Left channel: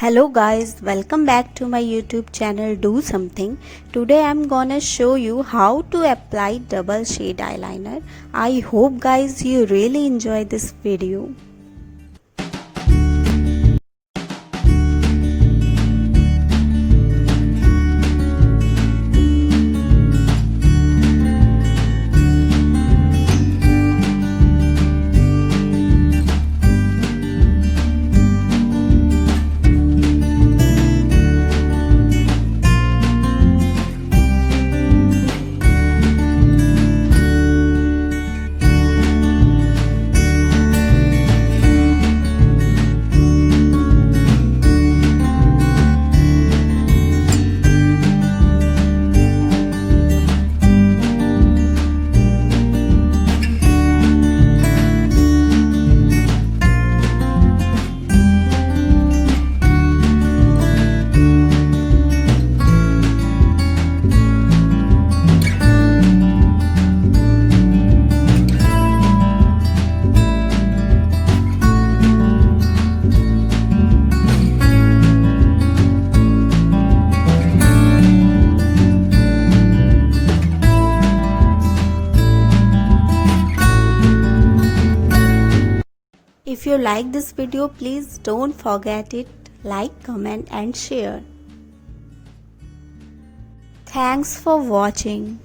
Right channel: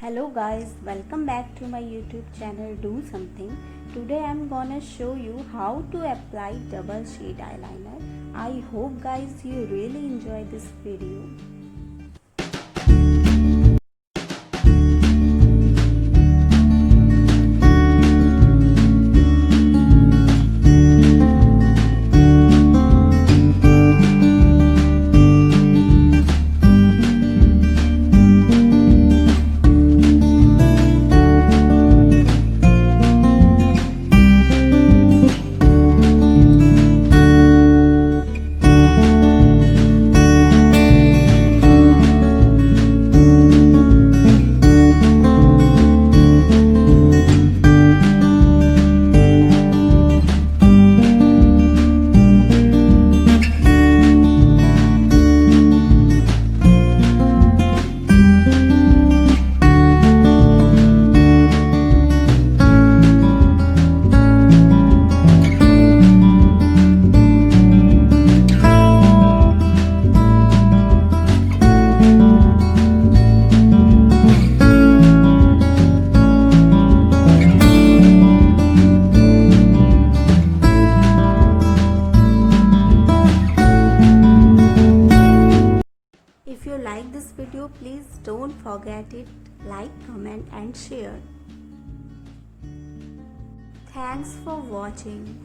Hello guys, welcome back to my YouTube channel Do Something. Today I'm gonna show you how to apply double shade eyeliner. I hope guys you really enjoy this video. If you like this video, please don't forget it, like, comment and share. Thanks for watching.